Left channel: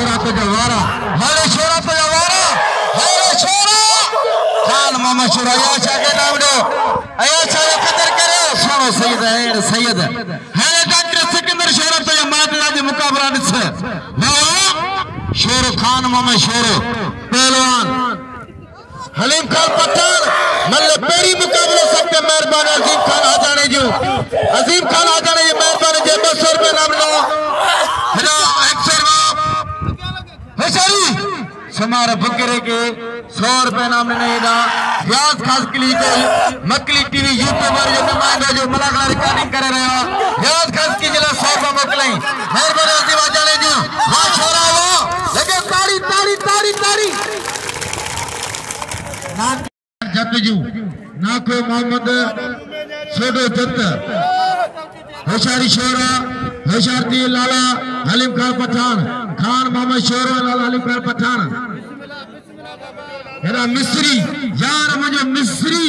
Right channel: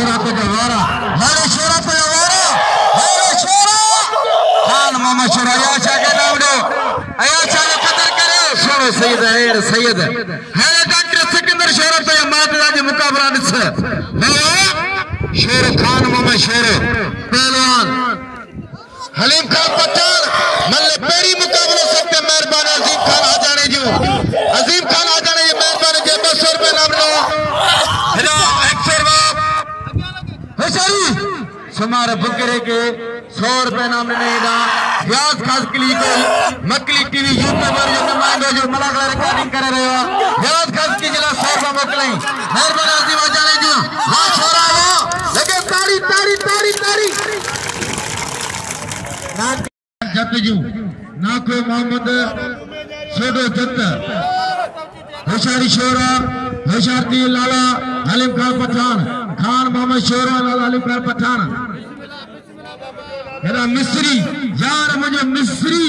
शोरा पे जवारा मारे शोरा पे जवारा मारे शोरा खान मामा शोरा या चाके नाम दे आया चाके कदर करे शोरा सैयद है डॉक्टर सिकंदर शोरा पे मातला जी मुकाबला दिसे शेर खान मामा शेर पहलवान हलीम खान पठान मतलब पेरी मुकाबला सकते मेहरबान अजीम खान आ जाने जो अजीम खान आ जाने ये मेहरबान जे 200 रुपए नाम ले हिला 100 समारे बकरे के 100 रुपए नाम ने दा व्यास खास क्लिक मकली टीवी यूट्यूब पर जो मान जो मलागला रिकॉर्डिंग करे रहे हो व्यास खास की जिला साहब मकलाई मेहरबान अजीम आ जाने जो माशाल्लाह लगे ताड़ी ताड़ी ताड़ी ताड़ी ना जत जो ना कोई मोहम्मद शेडो जत होशारी शोरा होशारती लाला हलीम खान पठान खान मोहम्मद शोरा लाला हलीम खान पठान मेरा मिस्री यार मुझे मिस्री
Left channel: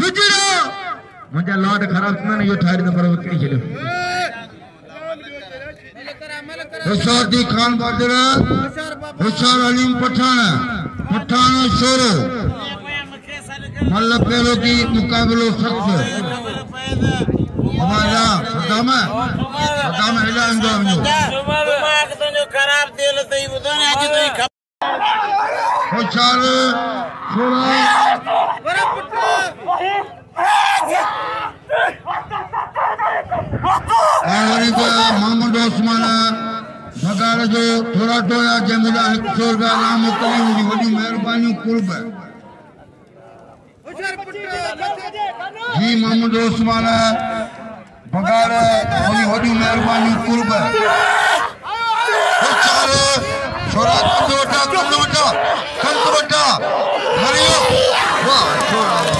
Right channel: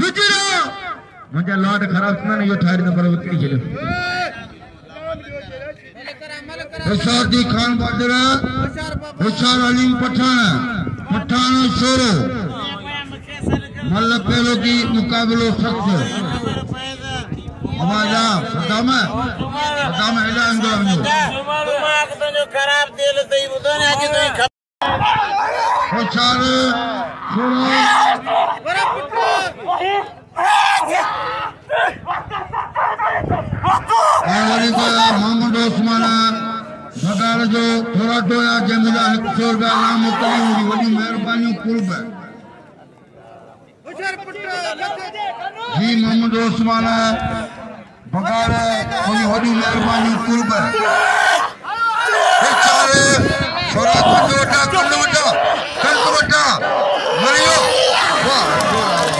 गुजरा मुझे लॉर्ड खराब ना ये ठारी नंबर बकरी चले होशारती खान बादरा होशार हलीम पठान पठान शोरो मतलब पेलो की मुकाबलो सख्त हमारा बतामा इला अंजाम में दिमाग तो जो खराब दिल तो ये बताने आज तो ये होशार मोहम्मद उस्मान बगाल जो थोड़ा थोड़ा जमुना 100 रुपया नाम मुकली होगी बड़ी मेहरबानी कुर्ब है जी मोहम्मद उस्मान बगाल बड़ी मेहरबानी कुर्ब है